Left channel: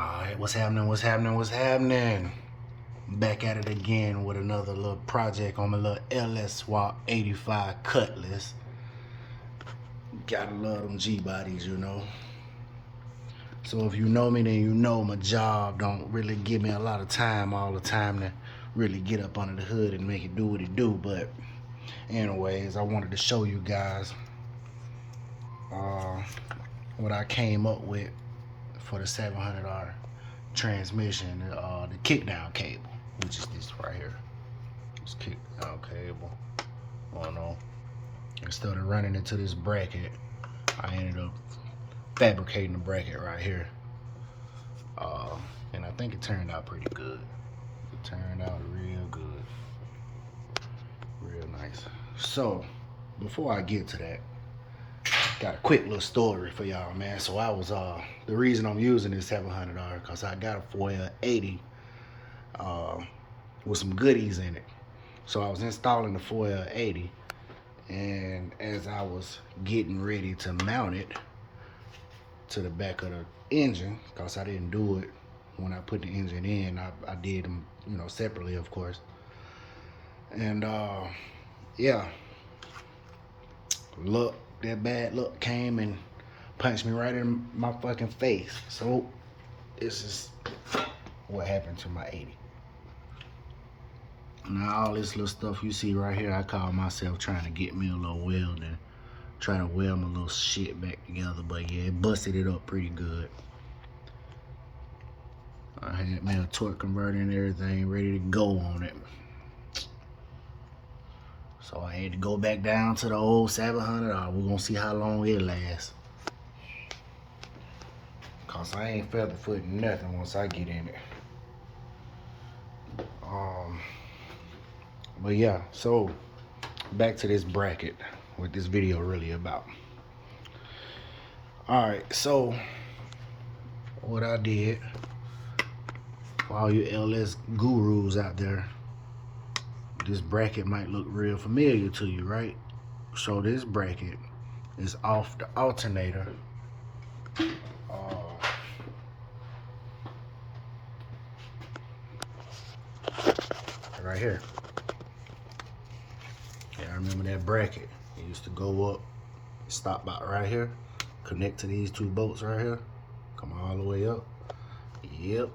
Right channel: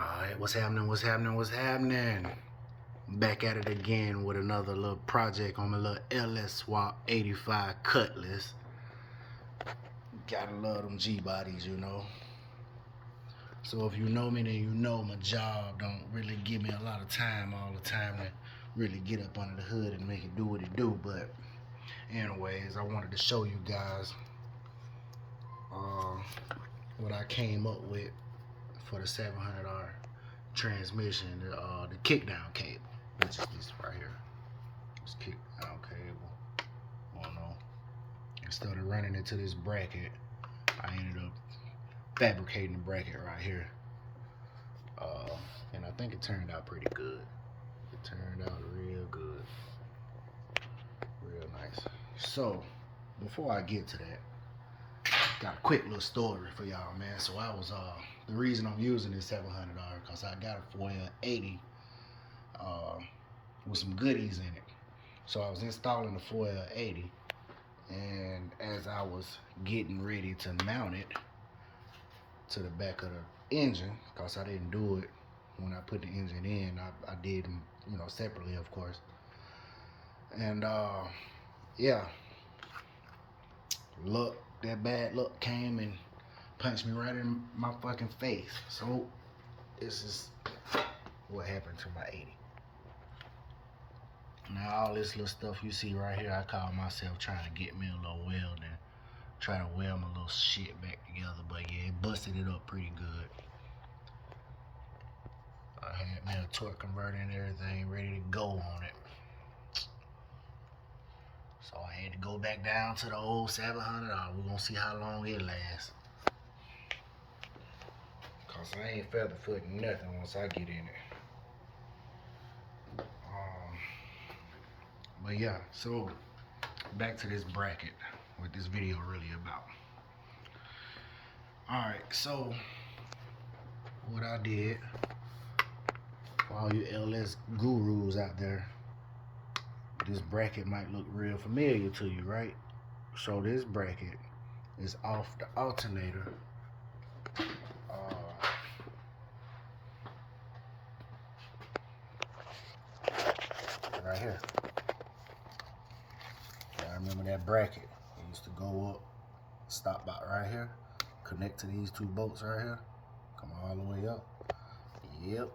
Alright, what's happening? What's happening? What's happening? Back at it again with another little project on my little ls2 85 Cutlass. Gotta love them G-bodies, you know. So if you know me, then you know my job don't really give me a lot of time all the time to really get up under the hood and make it do what it do. But anyways, I wanted to show you guys what I came up with for the $700 transmission, the kickdown cable, which is this right here. This kickdown cable. Oh no. Instead of running into this bracket, I ended up fabricating the bracket right here. And I think it turned out pretty good. It turned out real good. Real nice. So, before I get to that, got a quick little story for y'all, man. So I was the reason I'm using this $700 because I got a 4L80 with some goodies in it. So I was installing the 4L80, and as I was getting ready to mount it to the back of the engine, because I didn't do it when I put the engine in, I did them, you know, separately, of course. And yeah, luck, that bad luck came and punched me right in my fucking face. So this is what happened to my 80. Now all this little stuff you see right here, I call myself trying to get me a little welding, trying to weld my little shit back together. But yeah, it busted it up pretty good. I had me a torque converter and everything ready to go on it. So I had to go back down to the old $700. We're gonna see how long it lasts. Cause I ain't feather footing nothing once I get in it. But yeah, so back to this bracket, what this video really about. Alright, so what I did, for all you LS gurus out there, this bracket might look real familiar to you, right? So this bracket is off the alternator. Right here. Yeah, I remember that bracket. It used to go up, stop about right here, connect to these two bolts right here, come all the way up. Yep,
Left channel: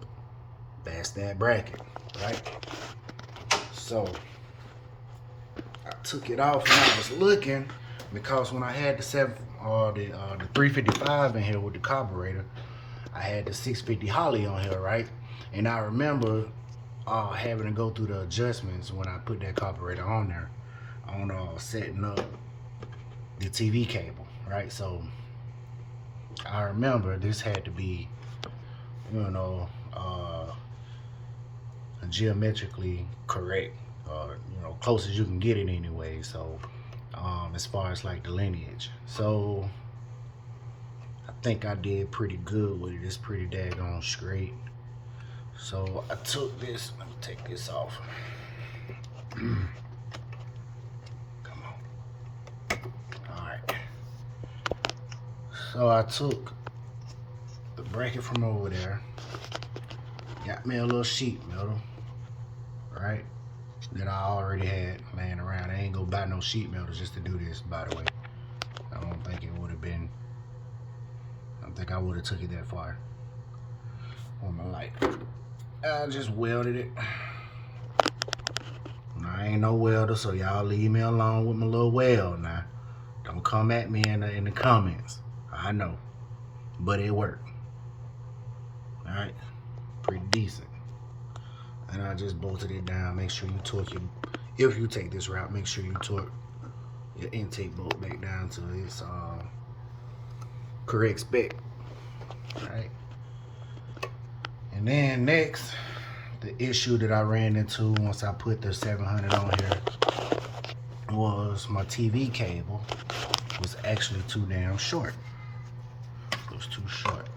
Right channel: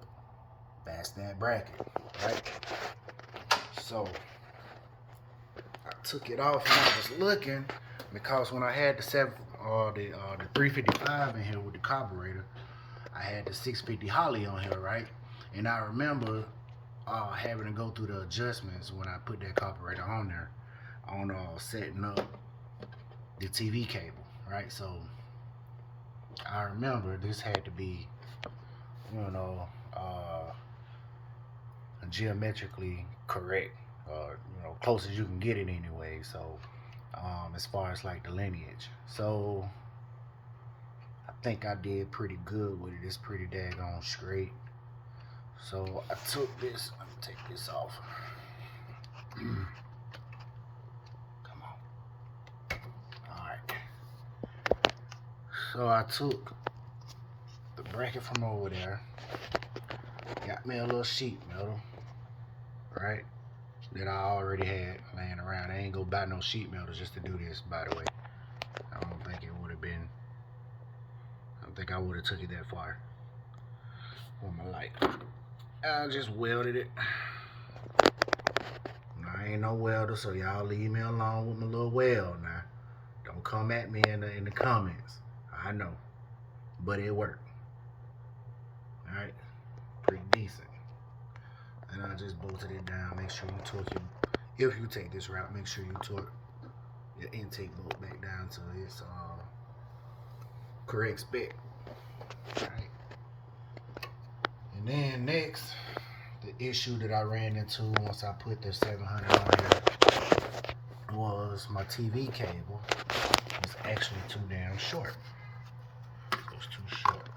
that's that bracket, right? So I took it off and I was looking, because when I had the 355 in here with the carburetor, I had the 650 Holly on here, right? And I remember having to go through the adjustments when I put that carburetor on there, on setting up the TV cable, right? So I remember this had to be, you know, geometrically correct, or you know, close as you can get it anyway. So as far as like the lineage, so I think I did pretty good with it. It's pretty daggone straight. So I took this, let me take this off. Come on. Alright. So I took the bracket from over there, got me a little sheet metal, right, that I already had laying around. I ain't gonna buy no sheet metal just to do this, by the way. I don't think it would have been, I don't think I would have took it that far with my light. I just welded it. I ain't no welder, so y'all leave me alone with my little weld now. Don't come at me in the comments. I know, but it worked. All right, pretty decent. And I just bolted it down. Make sure you torque it. If you take this route, make sure you torque your intake bolt back down to its correct spec. All right. And then next, the issue that I ran into once I put the 700 on here was my TV cable was actually too damn short. It was too short.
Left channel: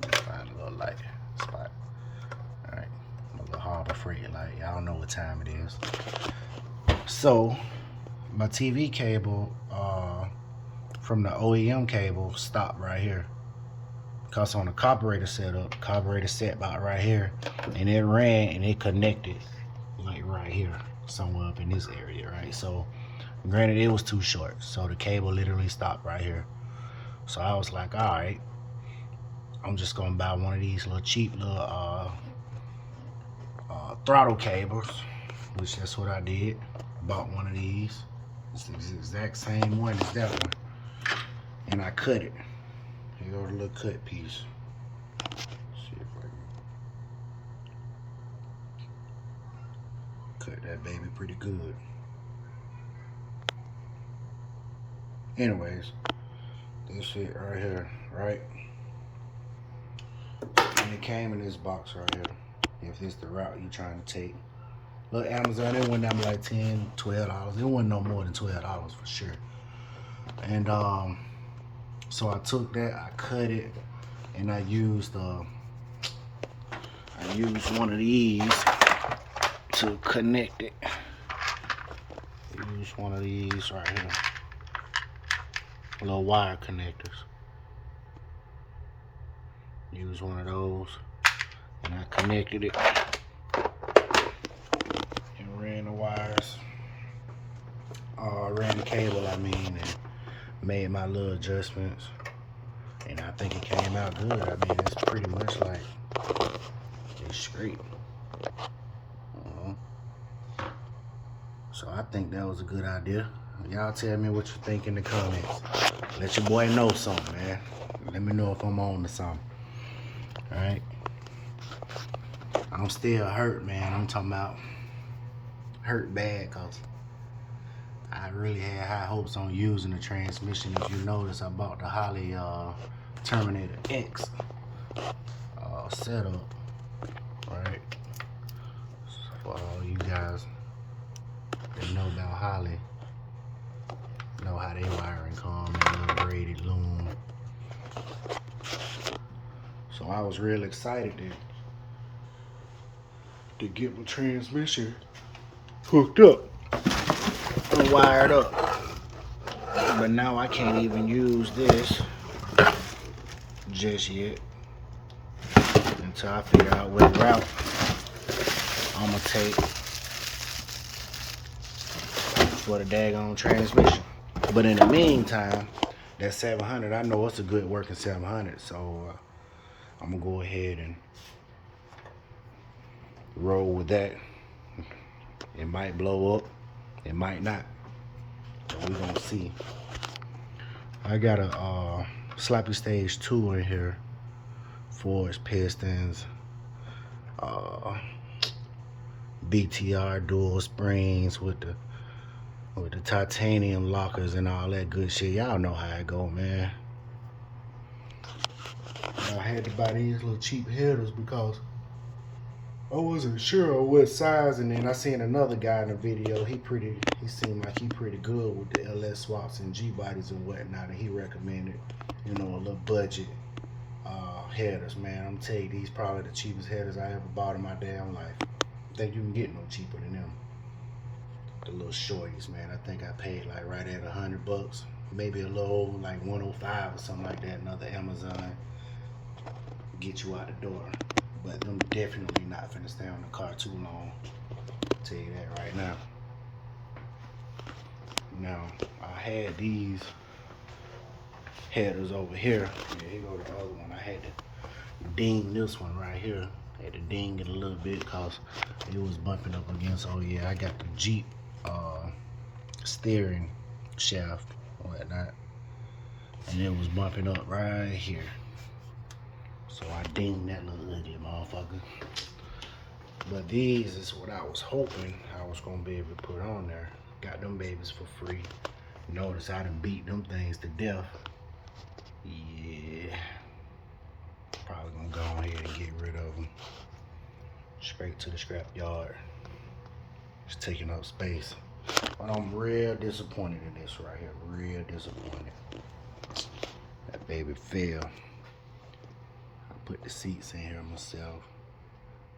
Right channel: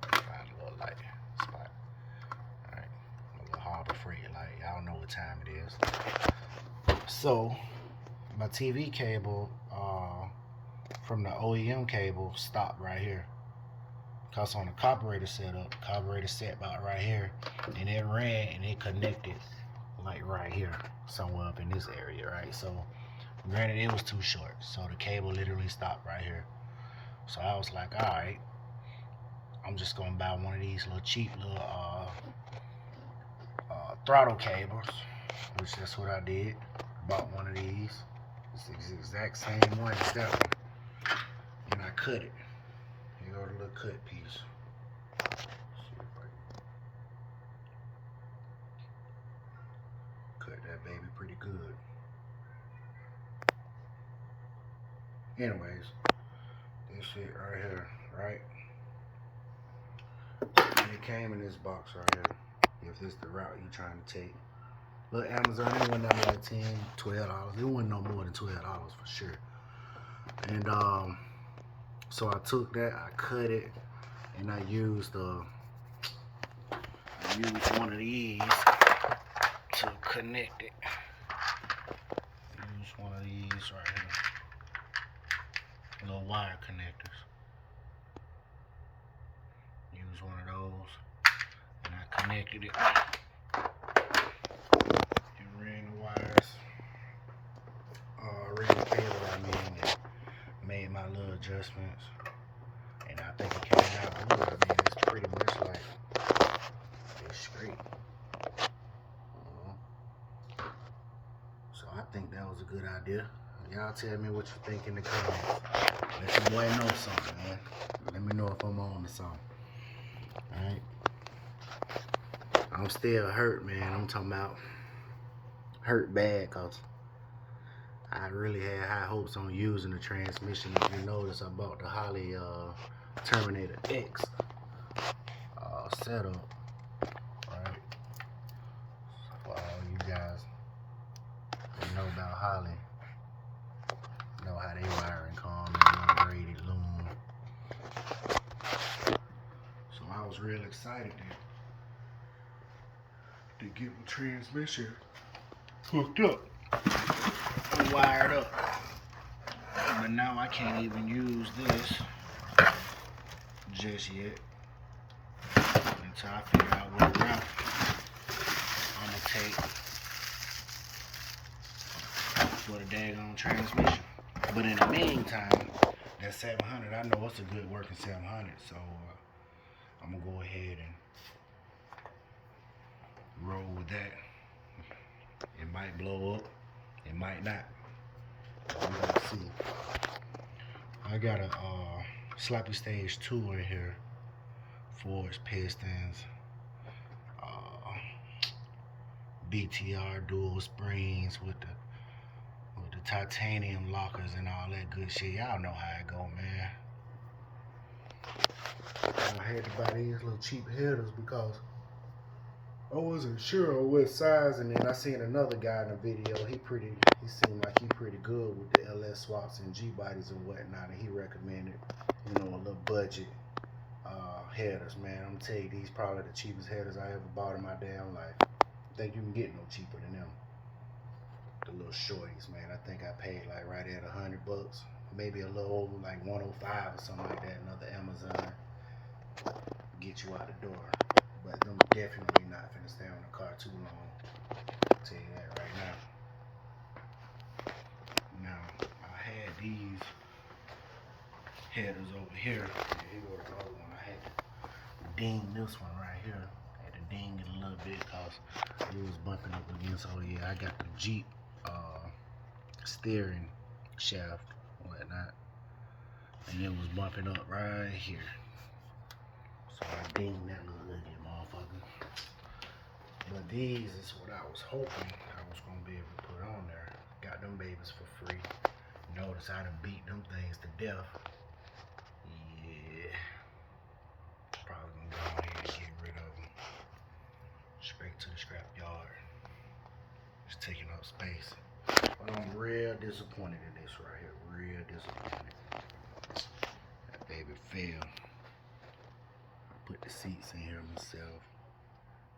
Let me find a little light spot. Alright, a little Harbor Freight light. Y'all know what time it is. So, my TV cable from the OEM cable stopped right here. Cause on the carburetor setup, carburetor set about right here, and it ran and it connected like right here, somewhere up in this area, right? So granted it was too short, so the cable literally stopped right here. So I was like, all right, I'm just gonna buy one of these little cheap little throttle cables, which that's what I did. Bought one of these. It's the exact same one as that one, and I cut it. Here go the little cut piece. See if I can cut that baby pretty good. Anyways, this shit right here, right? And it came in this box right here. If this the route you're trying to take. Look, Amazon, it went down to like $10, $12. It wasn't no more than $12 for sure. And so I took that, I cut it, and I used one of these to connect it. Use one of these right here. Little wire connectors. Use one of those, and I connected it and ran the wires. Ran the cable, I mean, and made my little adjustments, and I think it came out good. I mean, it's pretty much like it's straight. So I think that was a good idea. Y'all tell me what you think in the comments. Let your boy know something, man. Let me know if I'm on to something. Alright? I'm still hurt, man. I'm talking about hurt bad, because I really had high hopes on using the transmission. If you notice, I bought the Holley Terminator X setup, right? So for all you guys that know about Holley, know how they wiring come and little braided loom. So I was real excited to get my transmission hooked up and wired up. But now I can't even use this just yet until I figure out what route I'm gonna take for the daggone transmission. But in the meantime, that 700, I know it's a good working 700, so I'm gonna go ahead and roll with that. It might blow up, it might not, but we're gonna see. I got a sloppy stage 2 in here, forged pistons, BTR dual springs with the titanium lockers and all that good shit. Y'all know how it go, man. I had to buy these little cheap headers because I wasn't sure on what size, and then I seen another guy in the video. He seemed like he pretty good with the LS swaps and G bodies and whatnot, and he recommended, you know, a little budget headers. Man, I'm tell you, these probably the cheapest headers I ever bought in my damn life. I think you can get no cheaper than them. The little shorties, man. I think I paid like right at $100, maybe a little over, like 105 or something like that. Another Amazon get you out the door. But them definitely not finna stay on the car too long. I'll tell you that right now. Now, I had these headers over here. Yeah, here go the other one. I had to ding this one right here. I had to ding it a little bit because it was bumping up against, oh yeah, I got the Jeep steering shaft or whatnot. And it was bumping up right here. So I dinged that little ugly motherfucker. But these is what I was hoping I was gonna be able to put on there. Got them babies for free. Notice I done beat them things to death. Yeah. Probably gonna go ahead and get rid of them. Straight to the scrap yard. It's taking up space. But I'm real disappointed in this right here. Real disappointed. That baby fell. I put the seats in here myself.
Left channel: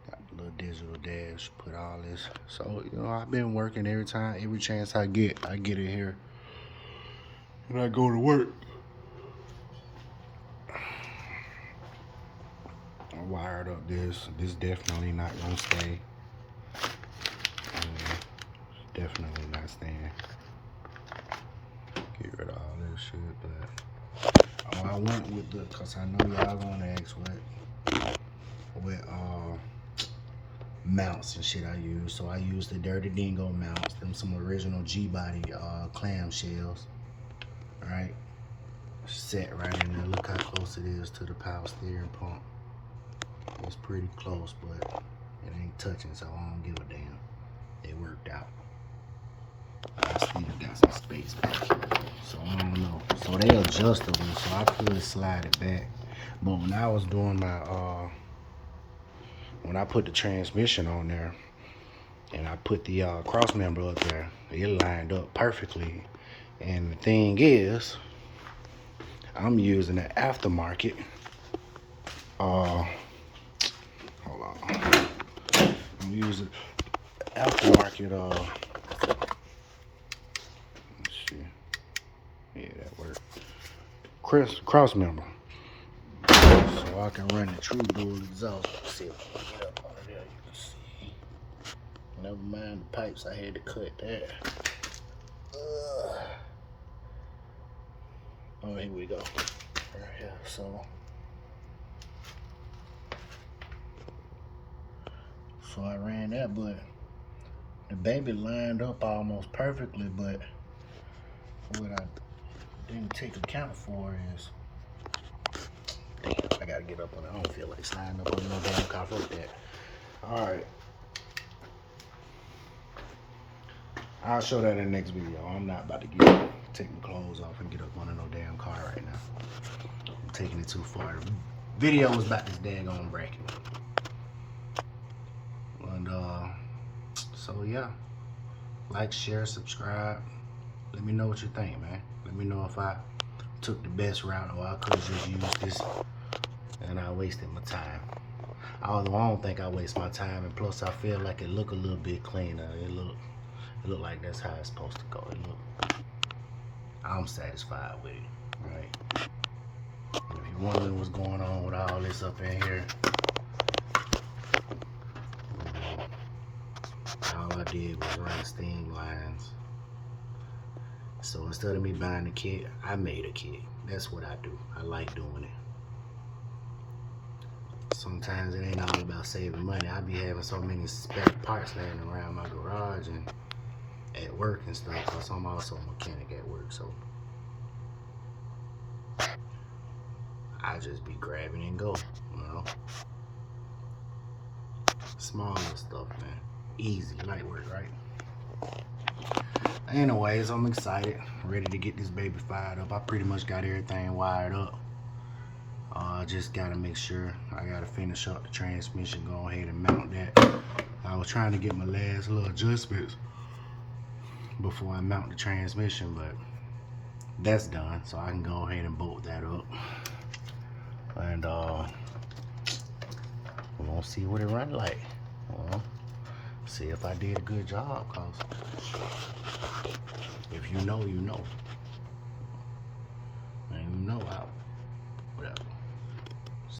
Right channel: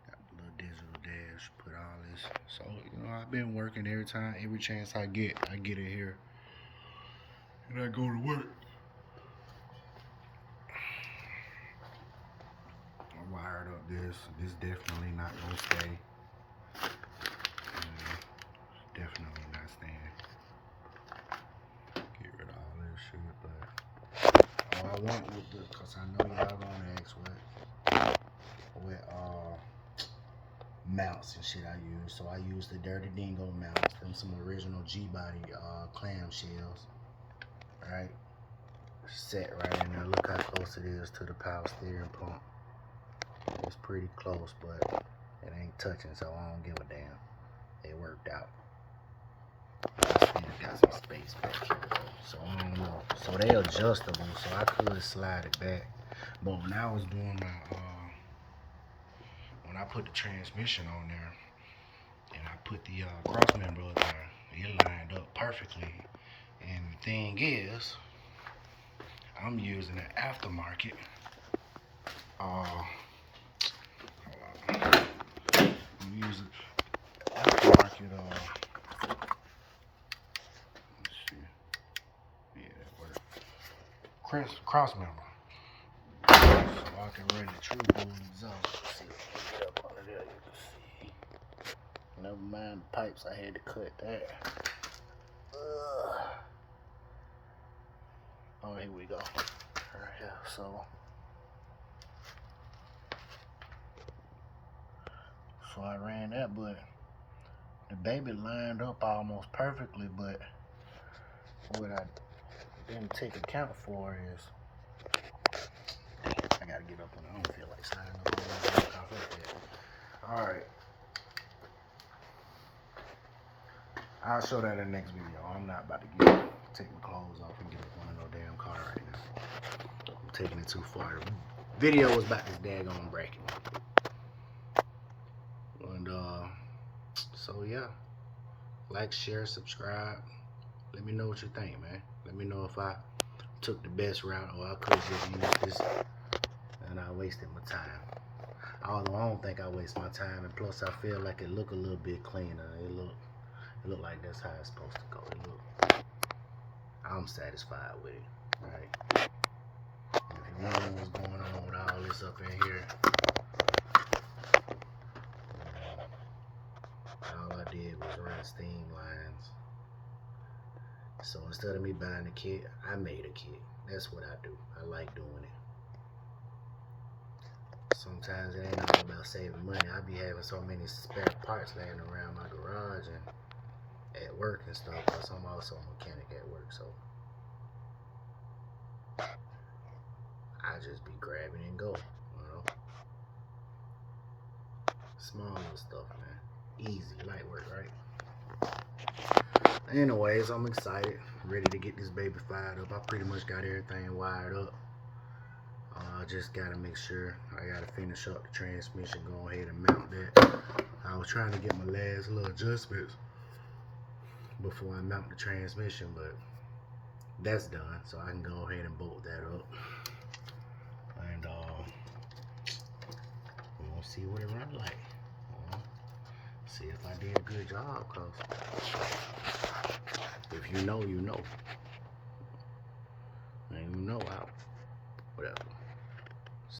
Got the little digital dash. Put all this. So, you know, I've been working every chance I get in here. And I go to work. wired up this. This definitely not gonna stay. Definitely not staying. Get rid of all this shit, but I went with the, cause I know y'all gonna ask what mounts and shit I use. So I use the Dirty Dingo mounts, them some original G-body clam shells. Right, set right in there. Look how close it is to the power steering pump. It's pretty close, but it ain't touching, so I don't give a damn. It worked out. I still got some space back here though, so I don't know. So they adjustable, so I could slide it back. But when I was doing my when I put the transmission on there and I put the cross member up there, it lined up perfectly. And the thing is, I'm using an aftermarket. Hold on. I'm using aftermarket. Let's see. Yeah, that worked. Cross member. So I can run the True Bull exhaust. Let's see if I can get up under there. You can see. Never mind the pipes. I had to cut that. Oh, here we go. Right here. So I ran that, but the baby lined up almost perfectly. But what I didn't take account for is, damn, I gotta get up on it. I don't feel like sliding up on no damn car. Fuck that. All right. I'll show that in the next video. I'm not about to take my clothes off and get up on no damn car right now. I'm taking it too far. The video was about this daggone bracket. And so yeah, like, share, subscribe. Let me know what you think, man. Let me know if I took the best route or I could just use this and I wasted my time. Although I don't think I waste my time, and plus I feel like it look a little bit cleaner. It look like that's how it's supposed to go. I'm satisfied with it, right? And if you're wondering what's going on with all this up in here, all I did was run steam lines. So instead of me buying a kit, I made a kit. That's what I do. I like doing it. Sometimes it ain't all about saving money. I be having so many spare parts laying around my garage and at work and stuff, because I'm also a mechanic at work, so I just be grabbing and go, you know. Small little stuff, man. Easy, light work, right? Anyways, I'm excited, ready to get this baby fired up. I pretty much got everything wired up. I just gotta make sure, I gotta finish up the transmission, go ahead and mount that. I was trying to get my last little adjustments before I mount the transmission, but that's done, so I can go ahead and bolt that up. And we're gonna see what it run like. See if I did a good job, cause if you know, you know. And you know, whatever.